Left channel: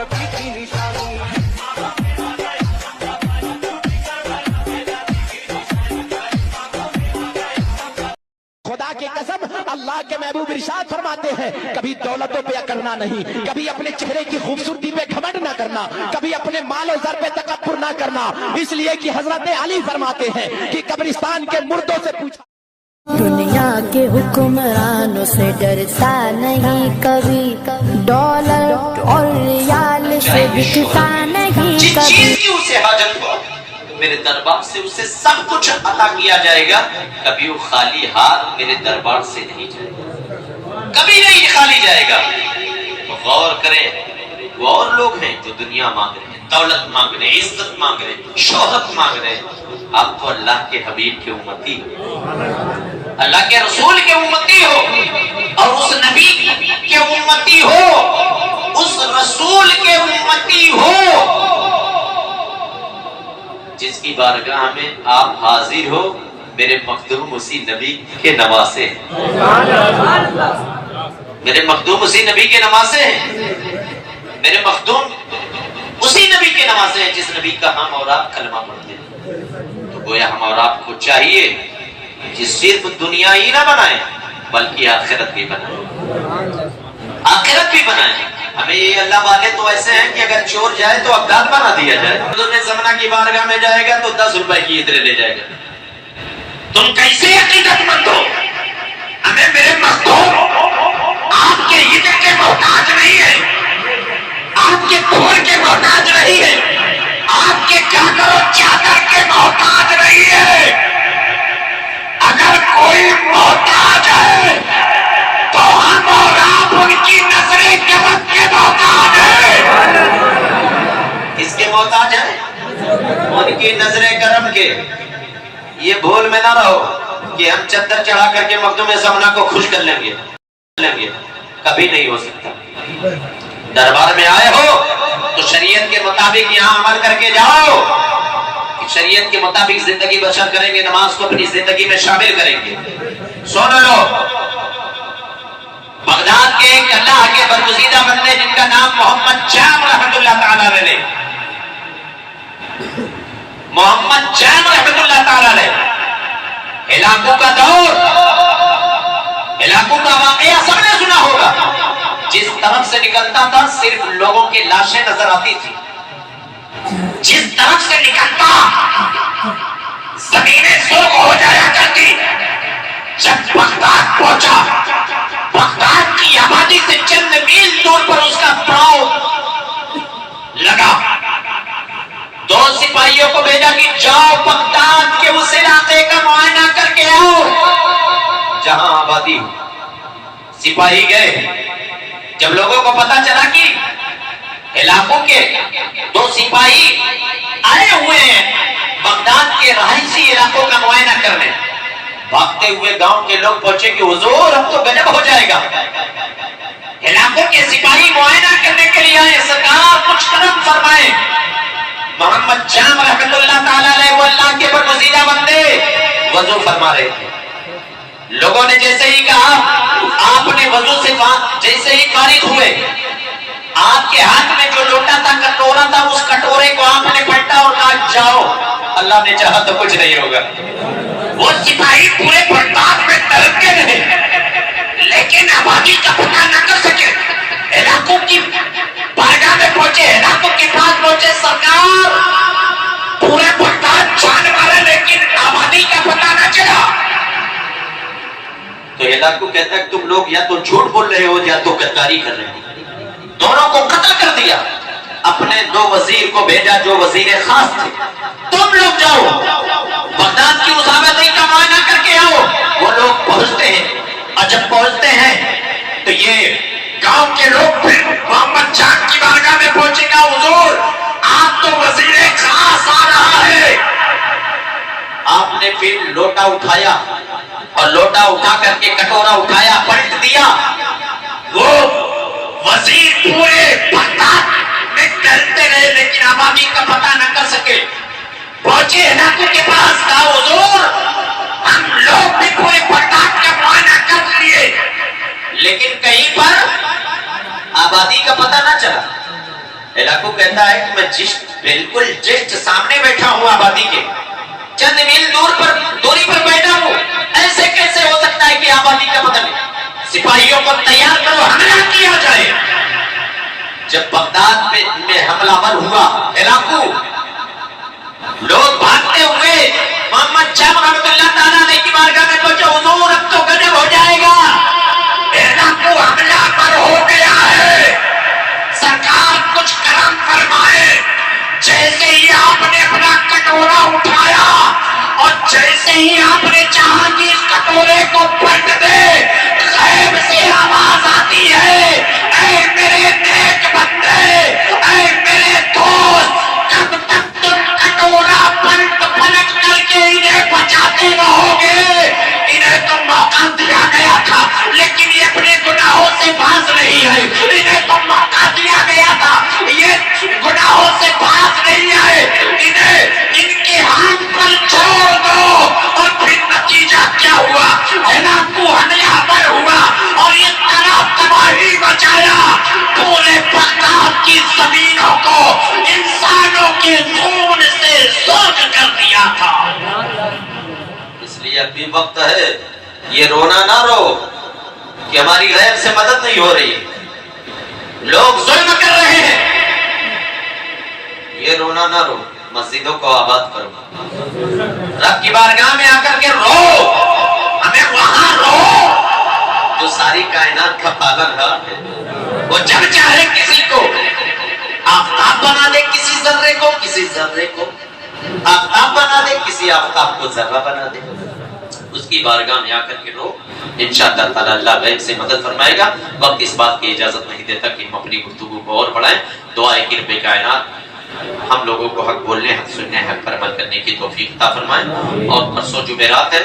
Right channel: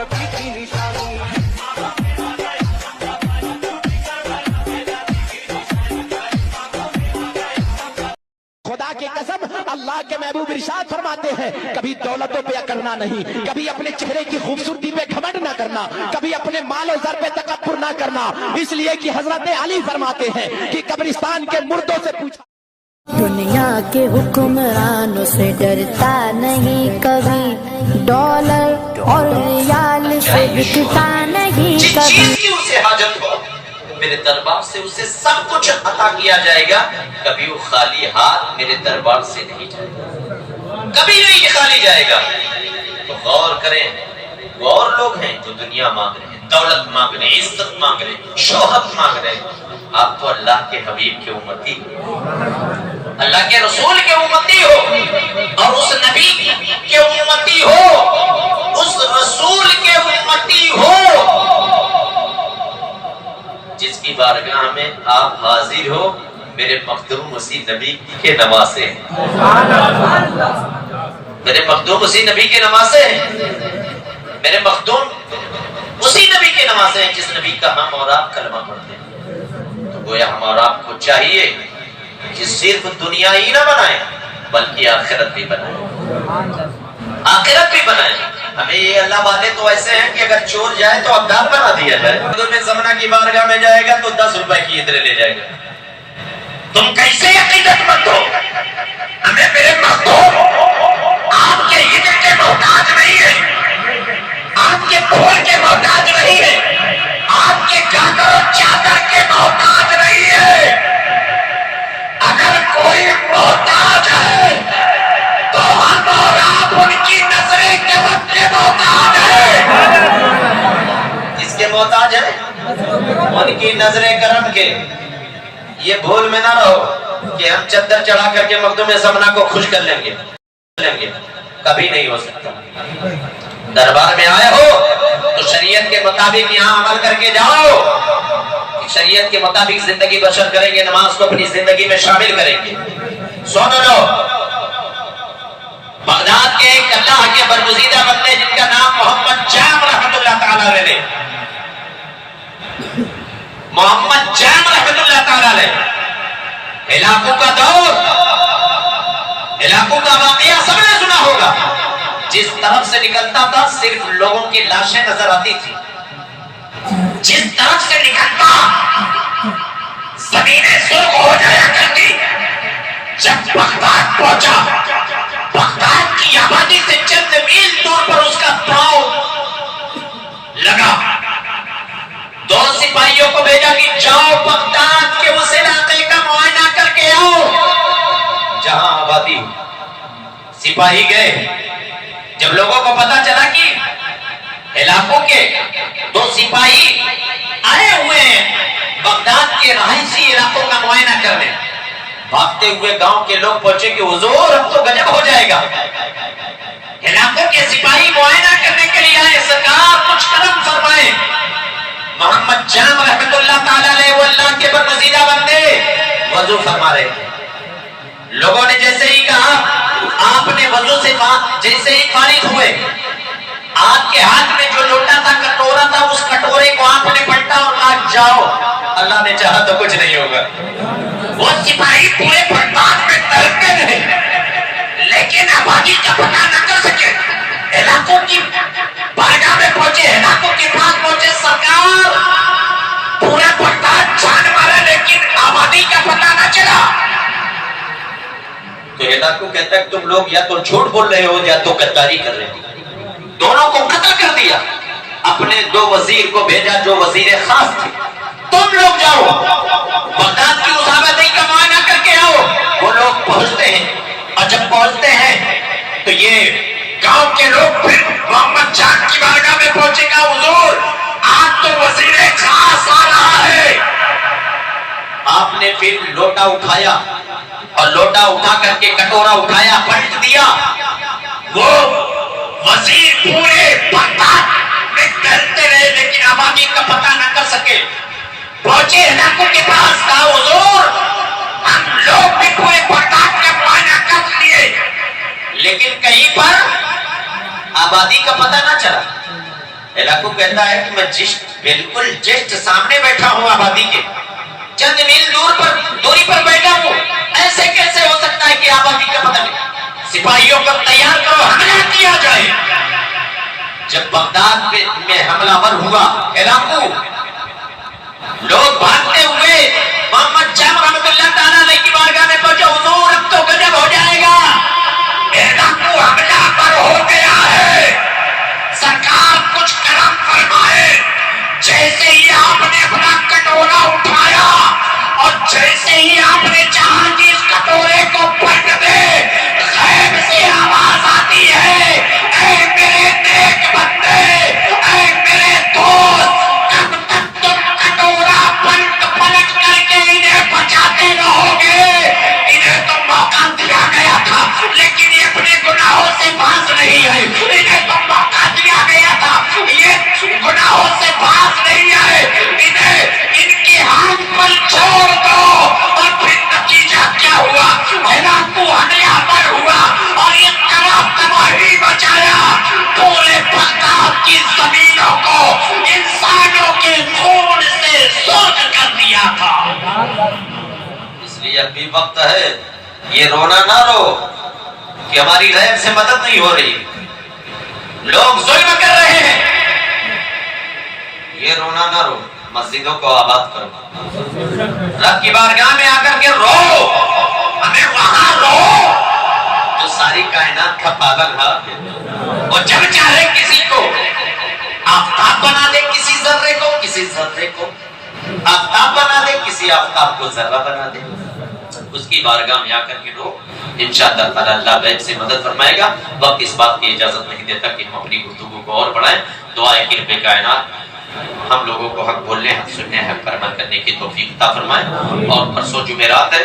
नबी की निशानी। खुदा की कसम, अल्लाह के महबूब इरशाद फरमाते हैं, कभी दौलतों पे अकड़ना नहीं, कभी अपने चेहरे की खूबसूरती पे घमंड ना करना, कभी अपने माल और ज़र पे तकब्बुर ना करना। इसलिए कि हजरत अली फरमाते हैं कि कब्रिस्तान के मुर्दों से पूछा, दुनिया के हुक्मरानों से डरता नहीं कभी, डॉलर और रियाल से बिकता नहीं कभी। जिस चीज की उसे हाजत हो मेरे दरबार से उसे सब कुछ अता किया जाएगा। कभी वो खाली हाथ मेरे दरबार से नहीं जाएगा, कभी नहीं खाली जाएगा। तो गौर करें, वो और लोग हैं जो दुनिया मांग रहे हैं, दौलत मांग रहे हैं, इज्जत मांग रहे हैं, शोहरत मांग रहे हैं। आप तो अल्लाह के हबीब के उम्मती हो, अल्लाह के रसूल के उम्मती हो, और उस नबी के उम्मती हो, उस रसूल के उम्मती हो जिसकी बारगाह में आप हाजिर हो। मेरे मखदूम उसी नबी के नवासे हैं, मेरे मखदूम उसी नबी के नवासे हैं, मेरे मखदूम उसी नबी के नवासे हैं जिस नबी का हम और आप कलमा पढ़ते हैं। तो गोया हम और आपको चाहिए कि सिर्फ दुनिया ही ना बनाए बल्कि आखिरत भी बनाए, आखिरत भी बनाए। हमें ये अल्लाह वाले तो ऐसे हैं कि अगर चोर जाए तो अब्दाल बना दिया जाए, दुनिया ज़माना की बारगाह में जाएगा तो 10 रुपए की इतने ले जाएगा। तुम कैसे अकीदतमंद हो? हमें मेरे मखदूम आपके हिजर के मोहताज नहीं है, आपके फूल के मोहताज नहीं है, आपके गागर और चादर के मोहताज नहीं है। अगर कोई मोहताज है तो हम और आप उनकी नजरें करम के मोहताज है। किसके मोहताज है? उनकी नजरें करम के। ये भूल में ना रहो कि हम चद्दर चढ़ा करके मखदूम ज़माना को खुश कर लेंगे, कभी नहीं हो सकता। दरबार में आए हो तो शरीयत के मुताबिक यहाँ अमल करके जाओ, शरीयत के मुताबिक जिंदगी बसर करेंगे, नमाज को अपनी जिंदगी में शामिल करेंगे। सुन लो, बगदाद के एक अल्लाह के बरगुज़ीदा बंदे जिनका नाम मोहम्मद जाम रहमतुल्लाह ताला अलैह, मोहम्मद जाम रहमतुल्लाह ताला अलैह, इलाकों का दौर, इलाकों का वाक़या सबने सुना होगा। जिस तरफ से निकलता था सिर्फ लोगों की लाशें नजर आती थी, जिस तरफ से निकलता जमीनें सुर्ख हो जाया करती। जब बगदाद पहुंचा, बगदाद की आबादी से चंद मील दूर पर उसका पड़ाव लगा। 2 सिपाहियों को भेजा कि जाओ बगदाद के उस इलाके का मुआयना करके आओ जहां आबादी हो। सिपाही गए। जब लोगों को पता चला कि इलाकों के 2 सिपाही आए हुए हैं बगदाद के रहायशी इलाकों का मुआयना करने, भागते हुए गांव के लोग पहुंचे कि हुजूर अब तो गजब हो जाएगा। इलाकों के सिपाही मुआयना करने के लिए आए, सरकार कुछ करम फरमाए। मोहम्मद जाम रहमतुल्लाह ताला अलैह वो अल्लाह के बरगुज़ीदा बंदे वजू फरमा रहे थे। लोगों ने जैसे ही कहा, आपने वजू से जैसे ही फारिग हुए, आपके हाथ में जो लोटा था, कटोरा था, उस कटोरे को आपने पलटा और कहा जाओ, अल्लाह ने चाहा तो कुछ नहीं होगा। वो सिपाही पूरे बगदाद में तड़पते रहे, लेकिन आबादी का पता न कर सके। इलाकों की बारगाह में पहुंचे, इलाकों के पास पहुंचे, सरकार पूरा बगदाद छान मारा लेकिन आबादी का पता न चला। तो इलाकों कहता है तुम लोग या तो झूठ बोल रहे हो या तो गद्दारी कर रहे हो। दोनों को कत्ल कर दिया। अपने 2 वजीर को भेजा जो वजीर खास थे, तुम लोग जाओ बगदाद की मुसाबती का मुआयना करके आओ। वो लोग पहुंचते हैं और जब पहुंचते हैं तो ये गांव के लोग फिर मोहम्मद जाम की बारगाह में पहुंचेगा, हुजूर आज तो वजीर खास आ रहा है। आपने फिर लोटा उठाया और लोटा उठा करके कटोरा उठाया, पलट दिया। वो वजीर पूरे बगदाद में डरते रहे लेकिन आबादी का पता न कर सके। पहुंचे इलाकों के पास, कहा हुजूर हम लोग भी पूरे बगदाद का मुआयना कर लिए लेकिन कहीं पर आबादी का पता न चला। ہلاکو کہتا ہے کہ میں بالکل جسٹ سامنے بیٹھا ہوں آبادی کے، چند میل دوری پر بیٹھا ہوں، ایسے کیسے ہو سکتا ہے کہ آبادی کا پتہ نہیں؟ سپاہیوں کو تیار کرو، حملہ کیا جائے۔ جب بغداد میں حملہ ور ہوا ہلاکو، لوگ بھاگتے ہوئے محمد جام رحمۃ اللہ تعالیٰ علیہ کی بارگاہ میں پہنچے، حضور اب تو غضب ہو جائے گا، ہلاکو حملہ پر ہو گیا ہے، سرکار کچھ کرم فرمائے۔ جیسے ہی آپ نے اپنا کٹورا اٹھایا اور جیسے ہی آپ نے چاہا کہ اس کٹورے کو پلٹ دے، غیب سے آواز آتی ہے، اے میرے نیک بندے، اے میرے دوست، کب تک تم کٹورا پلٹ کر کے انہیں بچاتے رہو گے؟ انہیں تو موقع دیا گیا تھا لیکن یہ اپنے گناہوں سے باز نہیں آئے، انہیں تو موقع دیا گیا تھا یہ گناہوں سے باز نہیں آئے، انہیں ان کے ہاتھ پر چھوڑ دو۔ اور پھر نتیجہ کیا ہوا؟ ہلاکو حملہ ور ہوا اور یہ طرح تباہی مچایا، پورے بغداد کی زمینوں کو انسانوں کے خون سے سوکھ کر دیا تھا۔ اس لیے اب بھی وقت ہے، یہ رونا نہ رو کہ ہماری غیب سے مدد نہیں ہو رہی، لوگ ظلم کر رہے ہیں، یہ رونا نہ رو، مسجدوں کو آباد کرو، رب کی بارگاہ میں آ کر کے رو، ہمیں وہاں رو جو ساری کائنات کا پالن ہار ہے، وہ جب چاہے کسی کو آفتاب بنا دے، کسی ذرے کو، کسی ذرے کو آفتاب بنا دے، کسی آفتاب کو ذرہ بنا دے، اس کی بارگاہ میں آ کر کے رو، انشاءاللہ تعالی اللہ غیب سے مدد فرمائے گا۔ وقت اس بات کی اجازت نہیں دیتا کہ ہم اپنی گفتگو کو اور بڑھائیں۔ دعائے کہ رب کائنات ہم لوگوں کو حق بولنے، حق سننے، حق پر عمل کرنے کی توفیق عطا فرمائے۔ اور پرسوں جمعرات ہے،